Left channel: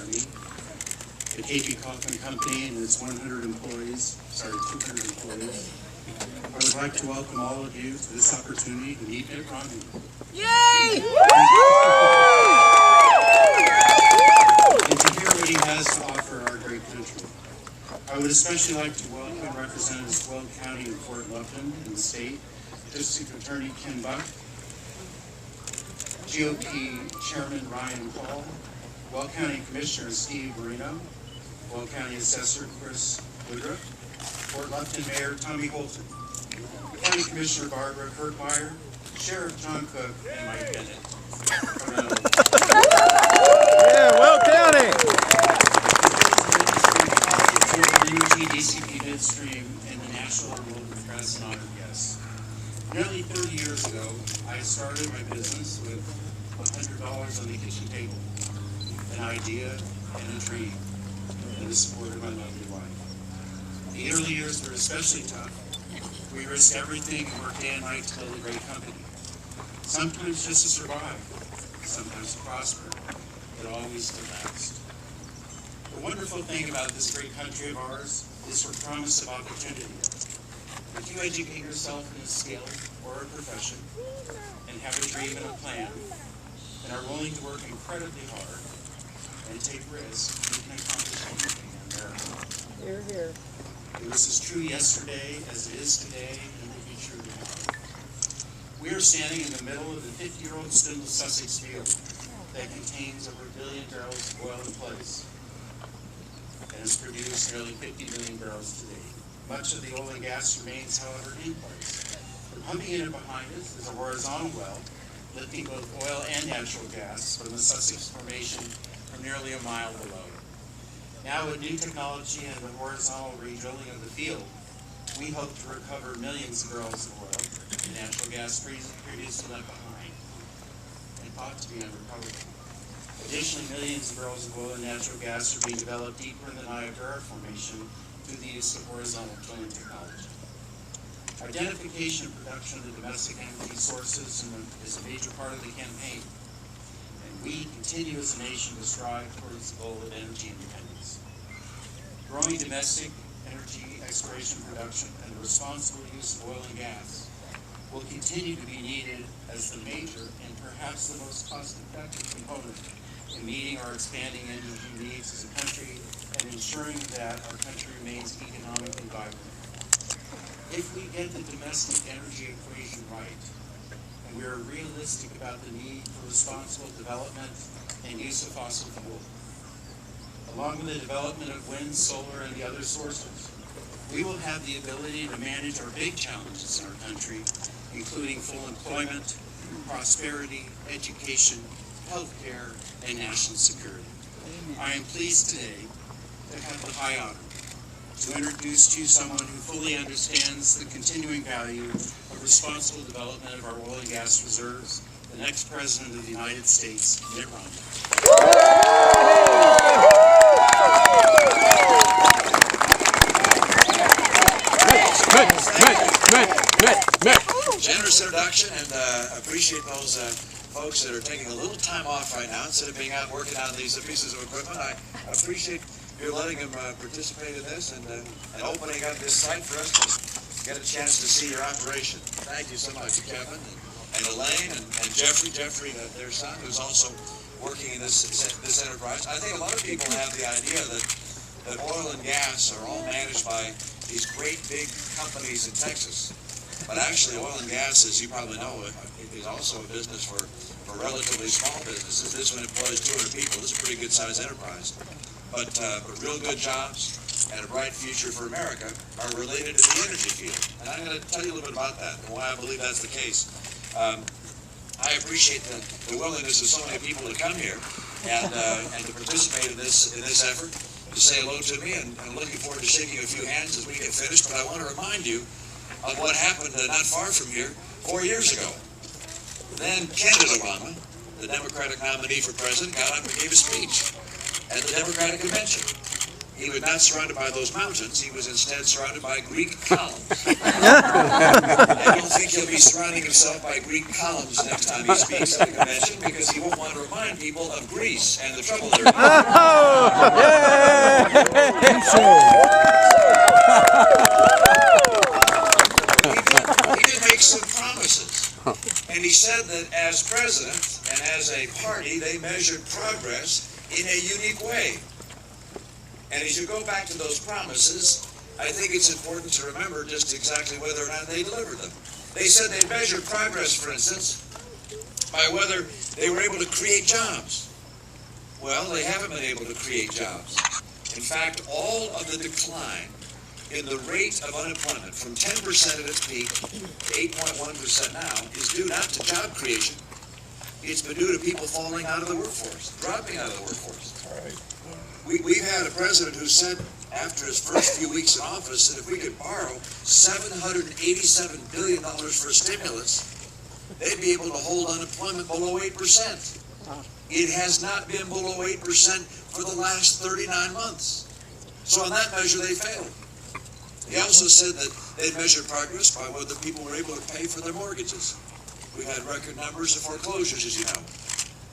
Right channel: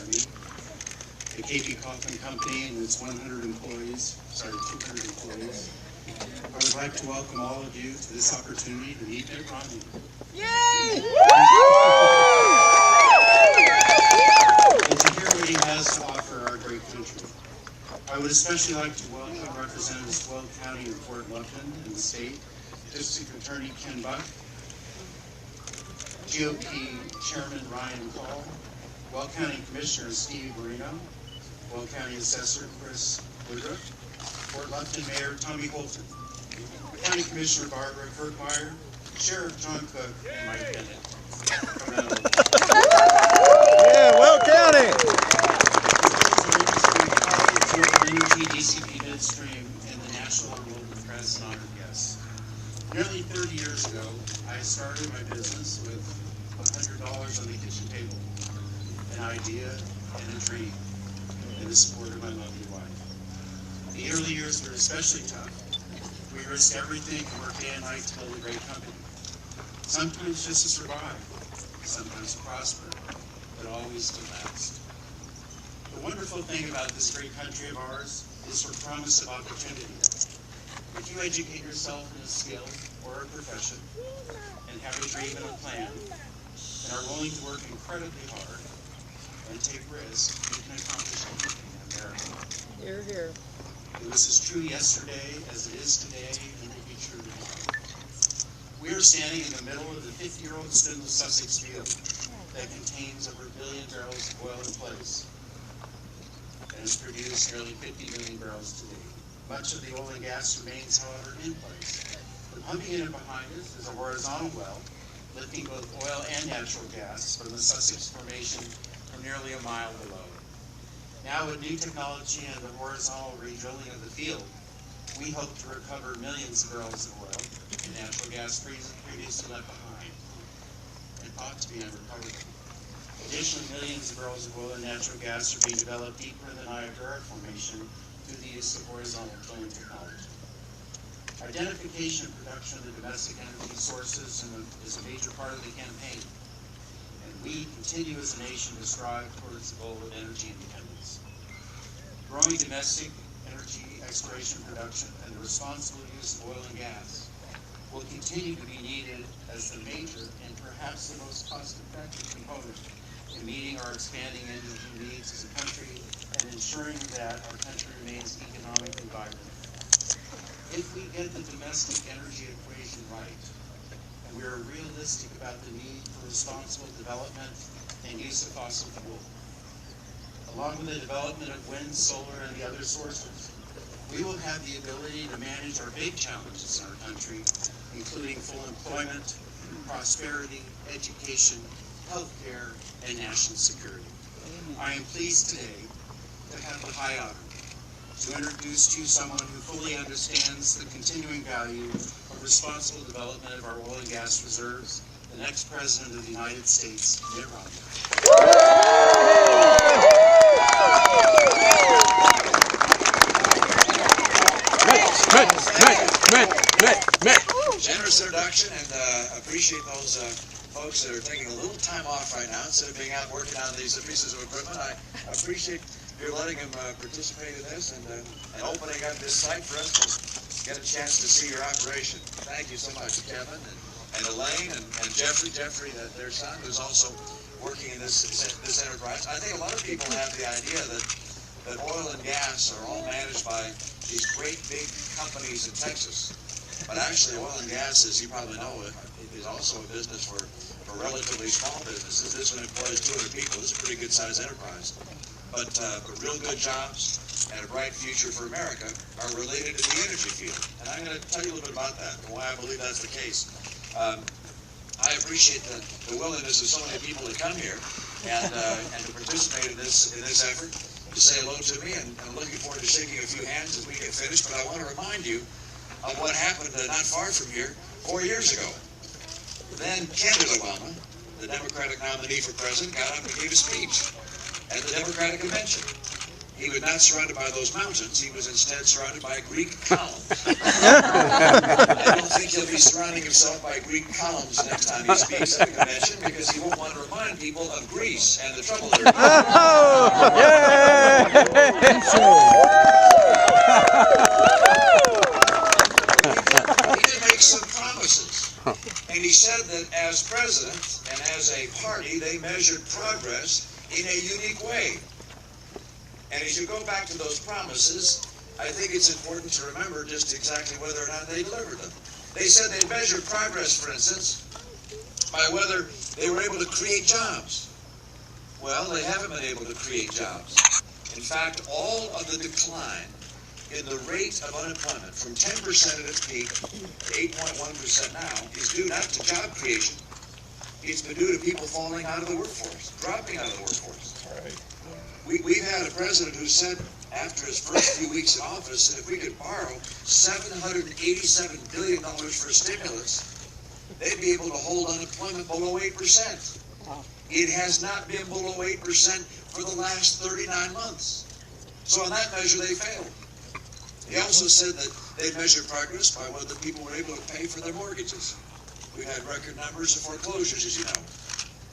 County. The KP Coffin Company and its 200 employees. I would like to welcome all of you to this opportunity to meet Mitt Romney. Yay! And to hear what he has to offer our great country. I would especially like to welcome Representatives of Weld County and Fort Lupton in the state, District Attorney Ken Buck, GOP Chairman Ryan Hall, Weld County Commissioner Steve Marino, Weld County Assessor Chris Woodruff, Fort Lupton Mayor Tommy Holton, County Commissioner Barbara Kirkmeyer, Sheriff John Cook, and Mike Bennett. Yeah, Weld County! Energy, DCP Midstream, and the National and Local Press and honored guests. Nearly 30 years ago, I started my business with $100 on the kitchen table, an idea and a dream, and the support of my lovely wife. The early years were especially tough. We risked everything and worked day and night to build a great company. Sometimes just to survive, sometimes to prosper, but always to last. The wonderful thing about this great country of ours is her promise of opportunity. If you educate yourself in a skill or a profession and have a dream and a plan and are willing to work incredibly hard and take risks, you can accomplish anything in America. Here, here. It was as true yesterday as it is today and will be true tomorrow. We are standing in the middle of the 50-year-old Spindle Sussex field that contains over 1 billion barrels of oil in place and has produced nearly 50 million barrels today. Much of the oil and gas remains, however, in place. The pumping unit behind us is a horizontal well, lifting both oil and natural gas from the Sussex Formation from nearly a mile below. Now, with new technology and the horizontal re-drilling of the field, we hope to recover millions of barrels of oil and natural gas previously left behind and thought to be unrecoverable. Additionally, millions of barrels of oil and natural gas are being developed deeper in the Niagara Formation through the use of horizontal drilling technology. Identification and production of the domestic energy sources is a major part of the campaign, and we continue as a nation to strive towards the goal of energy independence. Growing domestic energy exploration production and the responsible use of oil and gas will continue to be needed as the major and perhaps the most cost-effective component in meeting our expanding energy needs as a country and ensuring that our country remains economically vibrant. If we get the domestic energy equation right, and we are realistic about the need for responsible development and use of fossil fuel, along with the development of wind, solar, and the other sources, we will have the ability to manage our big challenges in our country, including full employment, prosperity, education, healthcare, and national security. I am pleased today to have the high honor to introduce to you someone who fully understands the continuing value of responsible development of our oil and gas reserves, the next President of the United States, Mitt Romney. Mitt. Generous introduction, and I appreciate those folks that are taking a little time off right now instead of being out working on these pieces of equipment. I appreciate your letting them participate in this and opening up this site for us to get a chance to see your operation. Thank you so much, Kevin and Elaine and Jeffrey, their son, who's also working in this enterprise. I think a lot of people have the idea that oil and gas are all managed by these great big companies in Texas. But actually, oil and gas, as you probably know, is also a business for relatively small businesses. This one employs 200 people. This is a pretty good-sized enterprise. But real good jobs and a bright future for America are related to the energy field. And I'm going to tell you a little bit about that and why I believe that's the case. I appreciate the willingness of so many people to come here and to participate in this effort, to say hello to me, and I'm looking forward to shaking a few hands as we get finished. But I want to remind you of what happened not far from here 4 years ago. Then candidate Obama, the Democratic nominee for president, got up and gave a speech at the Democratic convention. he was not surrounded by those mountains. He was instead surrounded by Greek columns. I don't think he'll be surrounding himself by Greek columns next time he speaks at the convention, because he won't want to remind people of Greece and the trouble they're in. Oh, He did make some promises. And he said that as president and as a party, they measured progress in a unique way. And as you go back to those promises, I think it's important to remember just exactly whether or not they delivered them. They said they measured progress, for instance, by whether they were able to create jobs. Well, they haven't been able to create jobs. In fact, all of the decline in the rate of unemployment from 10% at its peak to 8.1% now is due not to job creation. It's been due to people falling out of the workforce, dropping out of the workforce. We've had a president who said after his first few weeks in office that if we could borrow $787 billion for a stimulus, they'd be able to hold unemployment below 8%. It has not been below 8% for the last 39 months. So on that measure, they failed. He also said that they measured progress by whether people were able to pay for their mortgages. We've had record numbers of foreclosures, as you know.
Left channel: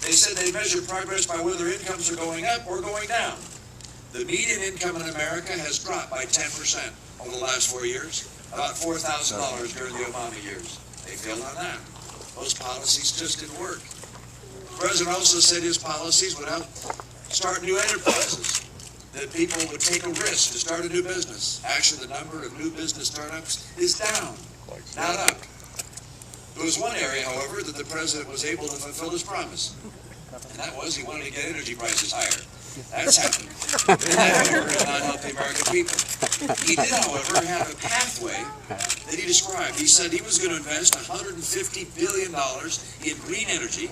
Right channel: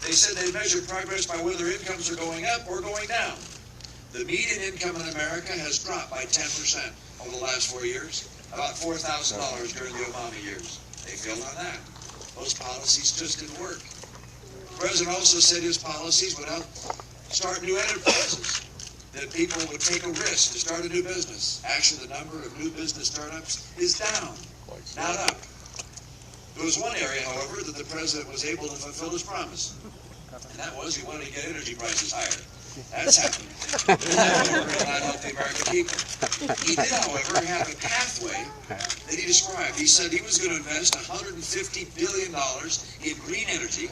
They said they measured progress by whether incomes are going up or going down. The median income in America has dropped by 10% over the last 4 years, about $4,000 during the Obama years. They failed on that. Those policies just didn't work. The president also said his policies would help start new enterprises, that people would take a risk to start a new business. Actually, the number of new business startups is down, not up. There was one area, however, that the president was able to fulfill his promise, and that was he wanted to get energy prices higher. That's happened. That, however, did not help the American people. He did, however, have a pathway that he described. He said he was going to invest $150 billion in green energy,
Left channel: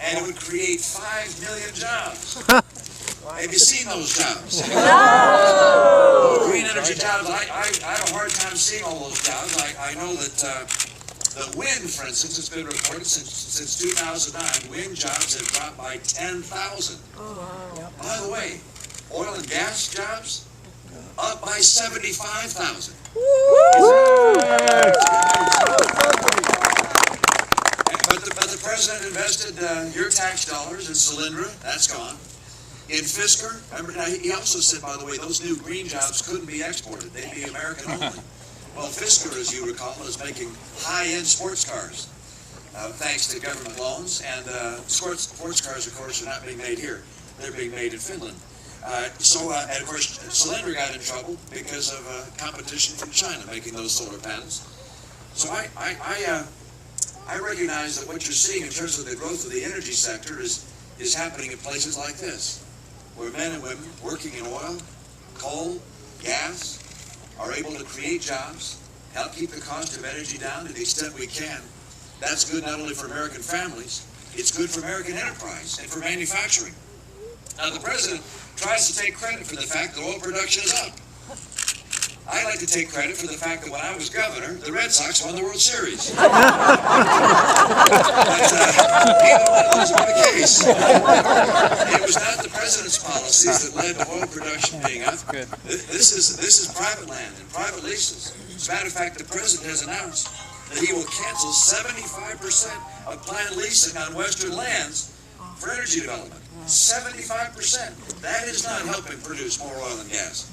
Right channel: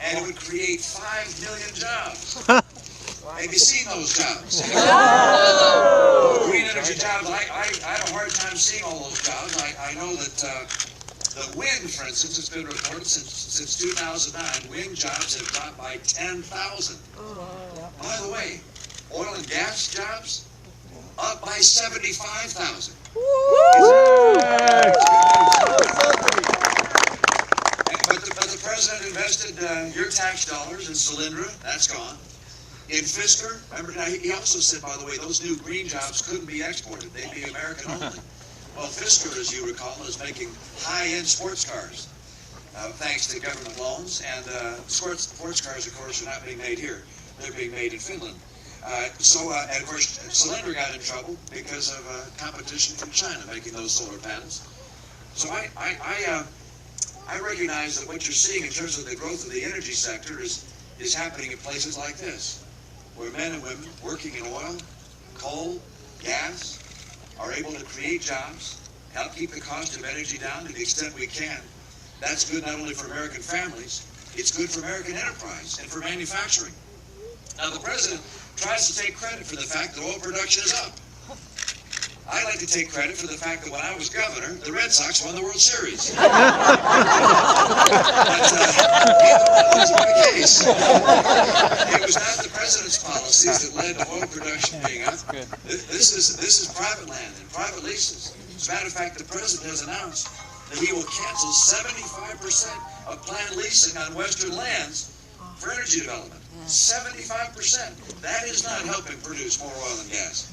and it would create 5 million jobs. Have you seen those jobs? Green energy jobs, I have a hard time seeing all those jobs. I know that the wind, for instance, has been reported since 2009. Wind jobs have dropped by 10,000. By the way, oil and gas jobs up by 75,000. But the president invested your tax dollars in Solyndra. That's gone. In Fisker, remember, now he also said, by the way, those new green jobs couldn't be exported. They'd be American only. Well, Fisker, as you recall, is making high-end sports cars, thanks to government loans. And sports cars, of course, are not being made here. They're being made in Finland. And of course, Solyndra got in trouble because of competition from China making those solar panels. So I recognize that what you're seeing in terms of the growth of the energy sector is happening in places like this, where men and women working in oil, coal, gas, are able to create jobs, help keep the cost of energy down to the extent we can. That's good not only for American families, it's good for American enterprise and for manufacturing. Now, the president tries to take credit for the fact that oil production is up. I like to take credit for the fact that when I was governor, the Red Sox won the World Series. But even when those were the case, it was not the president's policies that led to oil production being up. This is private land and private leases. As a matter of fact, the president has announced that he will cancel 75% of planned leasing on Western lands for energy development. 75%. That is not helping produce more oil and gas.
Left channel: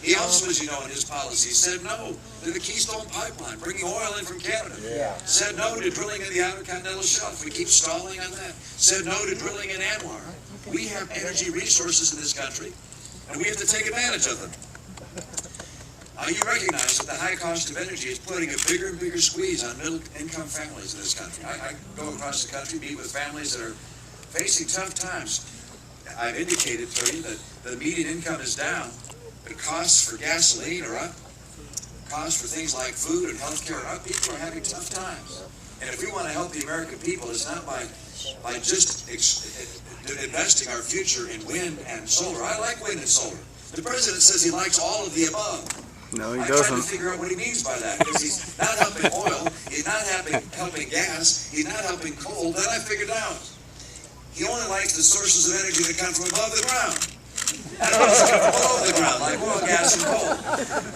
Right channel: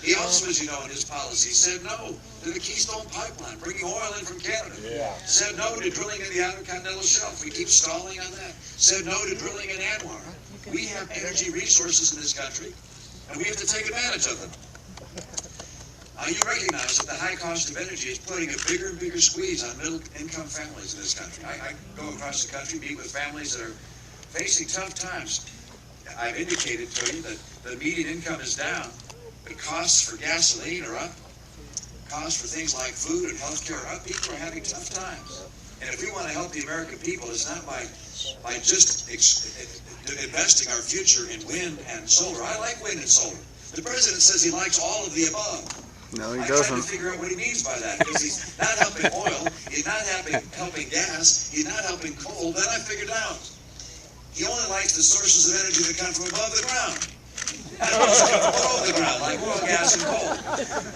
He also, as you know, in his policy, said no to the Keystone Pipeline, bringing oil in from Canada. Said no to drilling in the Outer Continental Shelf. We keep stalling on that. Said no to drilling in Anwar. We have energy resources in this country, and we have to take advantage of them. You recognize that the high cost of energy is putting a bigger and bigger squeeze on middle-income families in this country. I go across the country, meet with families that are facing tough times. I've indicated to you that the median income is down, but costs for gasoline are up. Costs for things like food and health care are up. People are having tough times. And if we want to help the American people, it's not by just investing our future in wind and solar. I like wind and solar. The president says he likes all of the above. No, he I doesn't. tried to figure out what he means by that, because he's not helping oil, he's not helping gas, he's not helping coal. Then I figured out he only likes the sources of energy that come from above the ground. That's what's below the ground, like oil, gas, and coal.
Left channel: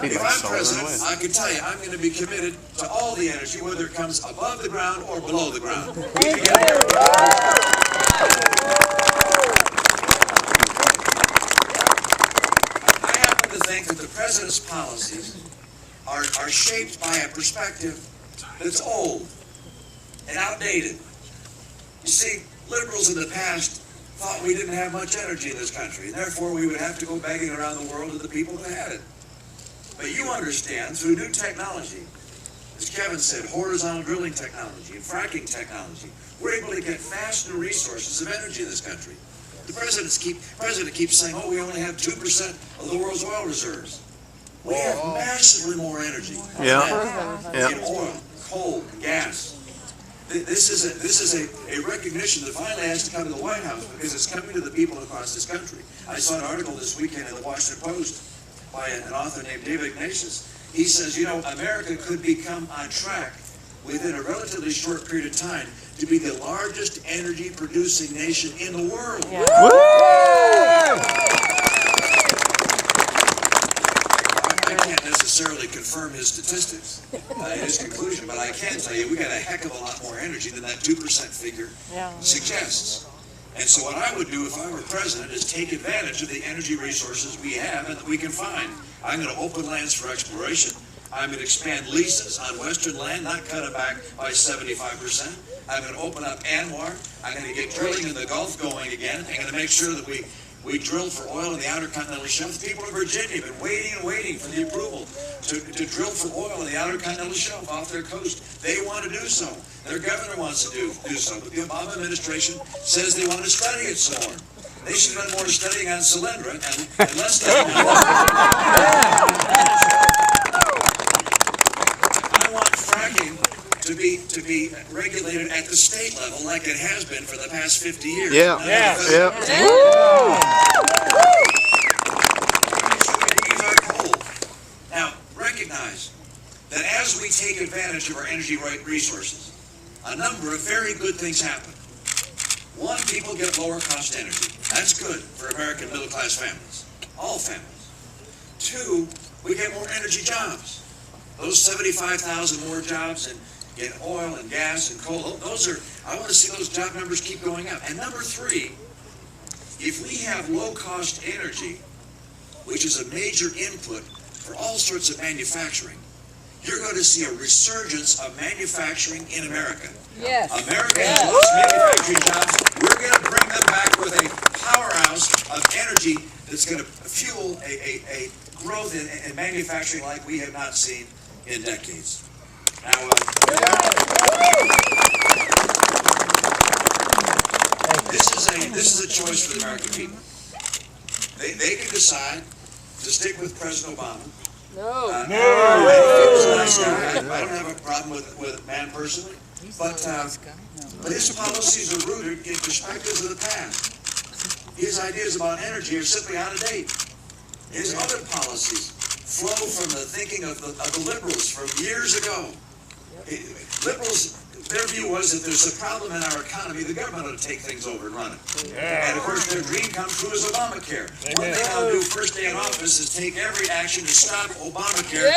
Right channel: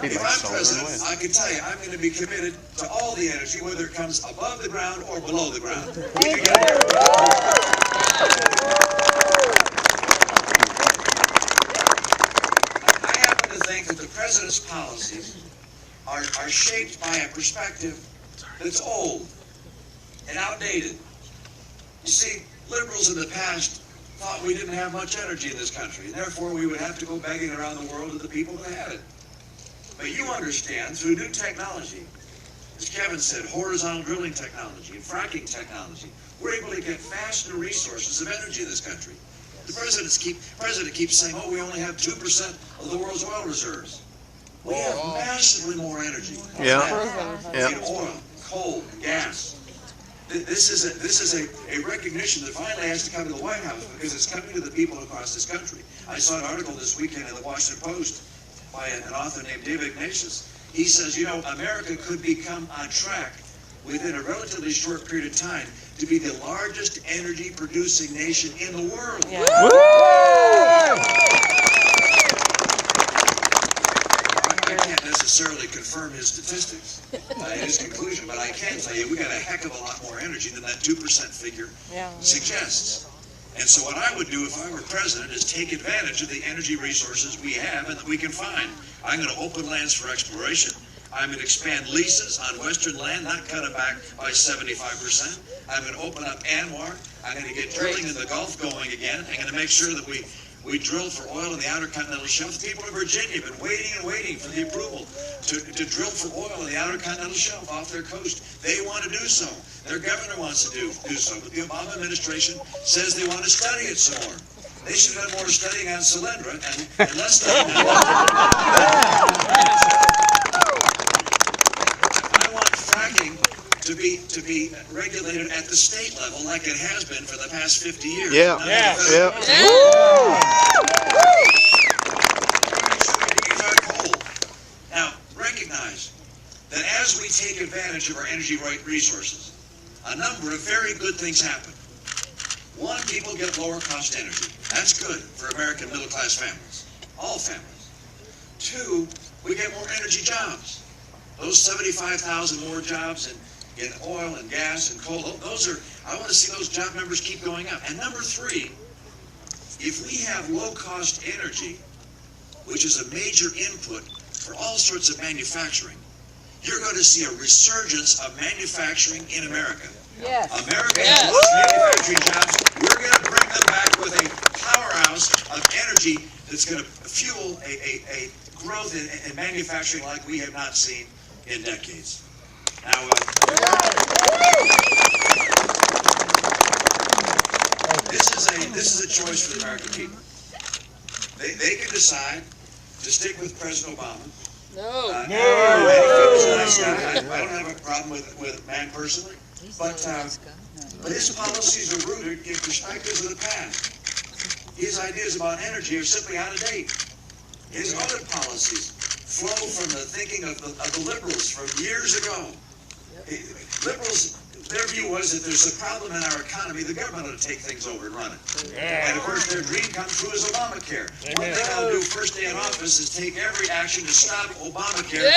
If I'm president, I can tell you, I'm going to be committed to all the energy, whether it comes above the ground or below the ground. I happen to think that the president's policies are shaped by a perspective that's old and outdated. You see, liberals in the past thought we didn't have much energy in this country, and therefore we would have to go begging around the world to the people that had it. But you understand, through new technology, as Kevin said, horizontal drilling technology and fracking technology, we're able to get faster resources of energy in this country. The president keeps saying, oh, we only have 2% of the world's oil reserves. We have massively more energy in oil, coal, and gas. This is a recognition that finally has to come to the White House, because it's coming to the people across this country. I saw an article this weekend in the Washington Post by an author named David Ignatius. He says, you know, America could become on track within a relatively short period of time to be the largest energy producing nation in the world. Yeah. I can't necessarily confirm his statistics, his conclusion, but I can tell you we got a heck of a lot more energy than that 2% figure suggests. And so what I would do if I were president is take advantage of the energy resources we have and that we can find. I'm going to open lands for exploration. I'm going to expand leases on Western land, not cut it back by 75%. I'm going to open up Anwar. I'm going to get drilling in the Gulf going again. I'm going to make sure that we drill for oil in the Outer Continental Shelf. The people of Virginia have been waiting and waiting for the approval to drill for oil in the Outer Continental Shelf off their coast. They want to do so. Their governor wants to do so. But the Obama administration says they want to study it some more. They should have done more studying on Solyndra and less studying on I want fracking to be regulated at the state level like it has been for the past 50 years. Now, recognize that as we take advantage of our energy resources, a number of very good things happen. One, people get lower cost energy. That's good for American middle class families, all families. Two, we get more energy jobs. Those 75,000 more jobs in oil and gas and coal, I want to see those job numbers keep going up. And number three, if we have low cost energy, which is a major input for all sorts of manufacturing, you're going to see a resurgence of manufacturing in America. Yes. America has lost manufacturing jobs. We're going to bring them back with a powerhouse of energy that's going to fuel a growth in manufacturing like we have not seen in decades. Now, this is a choice for the American people. They can decide to stick with President Obama. No. He's a nice guy. I don't have a problem with the man personally, but his policies are rooted in perspectives of the past. His ideas about energy are simply out of date. His other policies flow from the thinking of the liberals from years ago. Liberals, their view was that there's a problem in our economy, the government ought to take things over and run it. And of course their dream come true is Obamacare. One thing I'll do first day in office is take every action to stop Obamacare.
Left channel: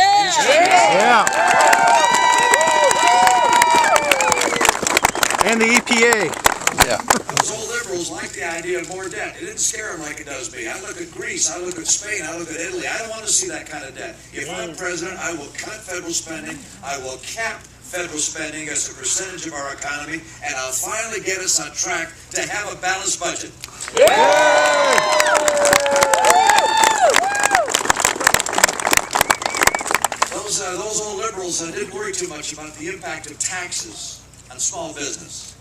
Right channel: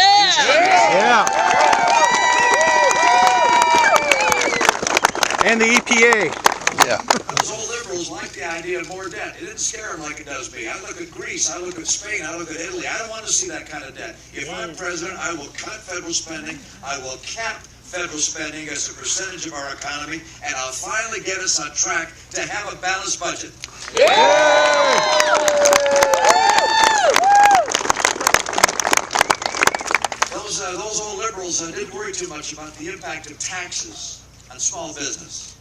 And the EPA. Those old liberals like the idea of more debt. It didn't scare them like it does me. I look at Greece, I look at Spain, I look at Italy. I don't want to see that kind of debt. If I'm president, I will cut federal spending. I will cap federal spending as a percentage of our economy, and I'll finally get us on track to have a balanced budget. Those old liberals didn't worry too much about the impact of taxes on small business.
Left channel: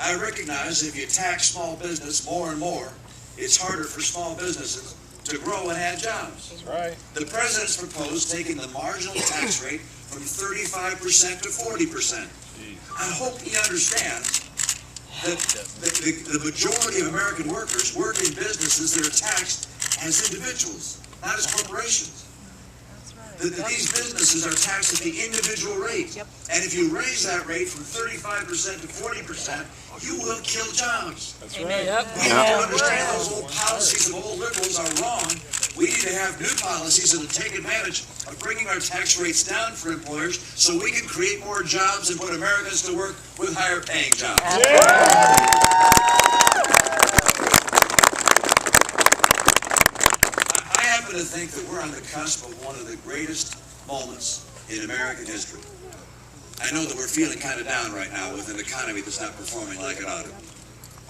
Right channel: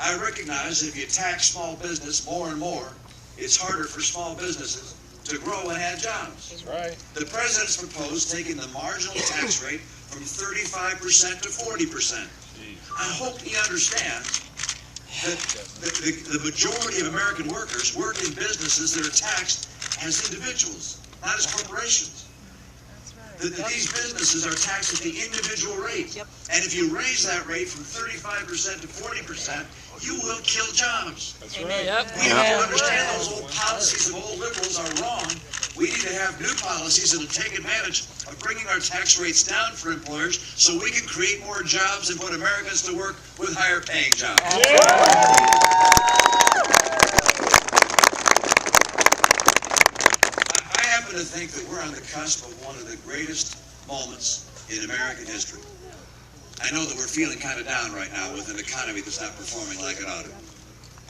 I recognize if you tax small business more and more, it's harder for small businesses to grow and add jobs. That's right. The president's proposed taking the marginal tax rate from 35% to 40%. I hope he understands that the majority of American workers work in businesses that are taxed as individuals, not as corporations. That these businesses are taxed at the individual rate. And if you raise that rate from 35% to 40%, you will kill jobs. Amen. We have to understand those old policies of old liberals are to have new policies that will take advantage of bringing our tax rates down for employers so we can create more jobs and put Americans to work with higher paying jobs. I happen to think that we're on the cusp of one of the greatest moments in American history. I know that we're feeling kind of down right now with an economy that's not performing like it ought to.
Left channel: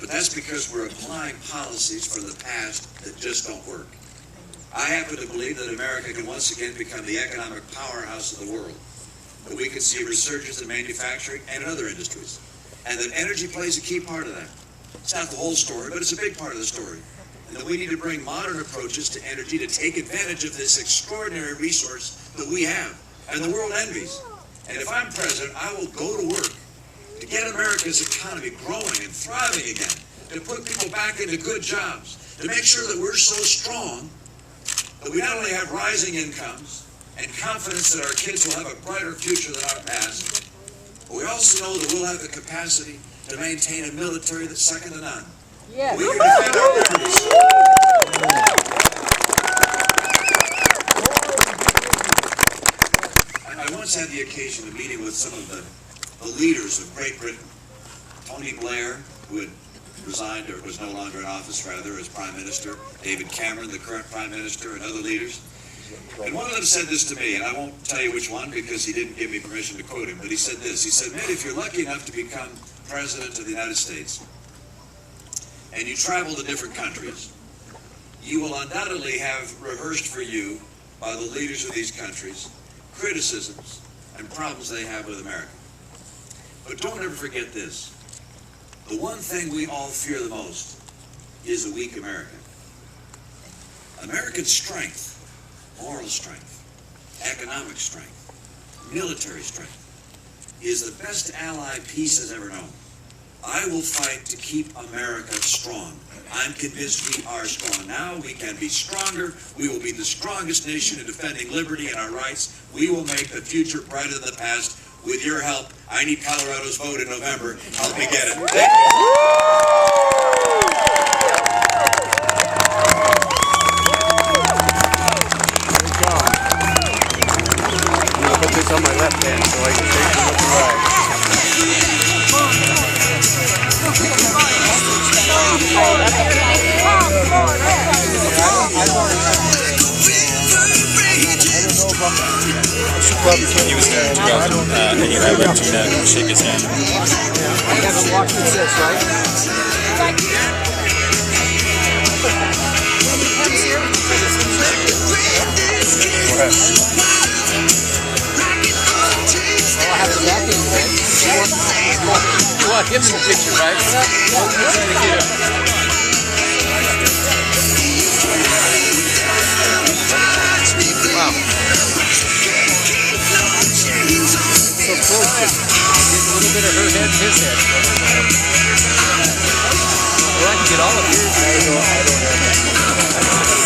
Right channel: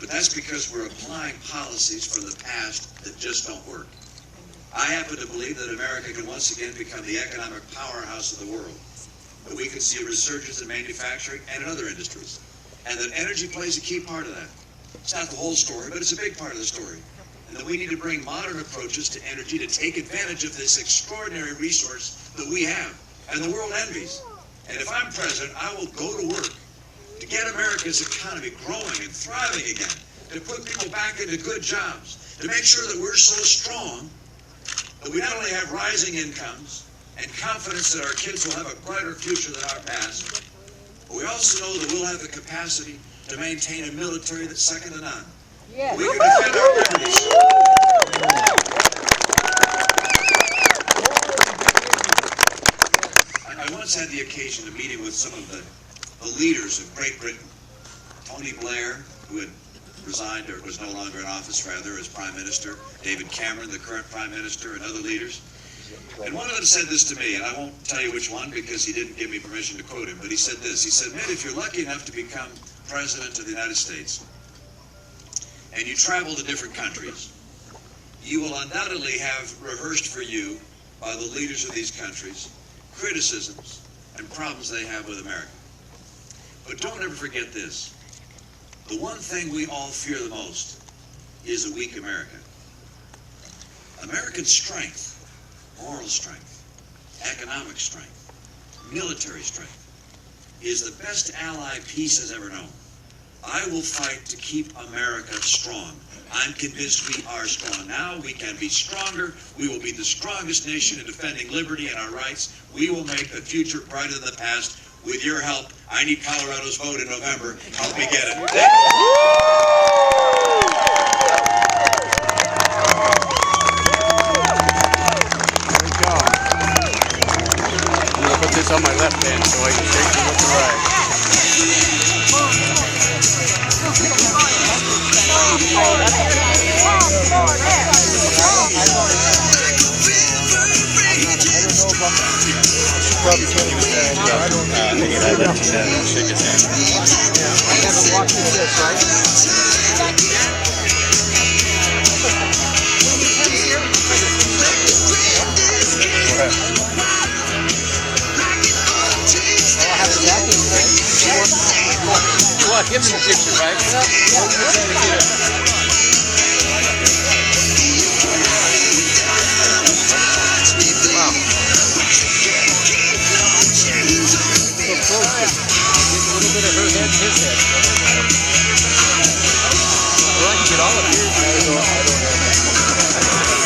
But that's because we're applying policies from the past that just don't work. I happen to believe that America can once again become the economic powerhouse of the world, that we can see a resurgence in manufacturing and other industries, and that energy plays a key part of that. It's not the whole story, but it's a big part of the story. And that we need to bring modern approaches to energy to take advantage of this extraordinary resource that we have and the world envies. And if I'm president, I will go to work to get America's economy growing and thriving again, to put people back into good jobs, to make sure that we're so strong that we not only have rising incomes and confidence that our kids will have a brighter future than our past, but we also know that we'll have the capacity to maintain a military that's second to none. Yes. We can defend our liberties. I once had the occasion of meeting with some of the leaders of Great Britain. Tony Blair, who had resigned, or was no longer in office rather, as Prime Minister, David Cameron, the current Prime Minister, and other leaders. And one of them said this to me, and I won't tell you which one because he didn't give me permission to quote him, but he said this. He said, Mitt, if you're lucky enough to become President of the United States, and you travel to different countries, you will undoubtedly have rehearsed for you by the leaders of these countries criticisms and problems they have with America. But don't ever forget this. The one thing we all fear the most is the weak American. American strength, moral strength, economic strength, military strength, is the best ally peace has ever known. I will fight to keep America strong. I'm convinced we are strong now. We can be stronger. We will be the strongest nation in defending liberty and our rights. We will make the future brighter than the past. With your help, I need Colorado's vote in November. Help me get it. Thank you. Good job. I'm going to put this on my left hand so I can take it with the right. Probably can't use that. I don't know. And I let you shake his hand. Yeah, I haven't watched this, right? When he comes here, we can take a picture. Go ahead. Well, I have the backing, right? You want him in the picture, right? Yeah. We're trying to get him. Wow. So close, just get a little bit of her head and his head. Or I can get all of you. I don't have that.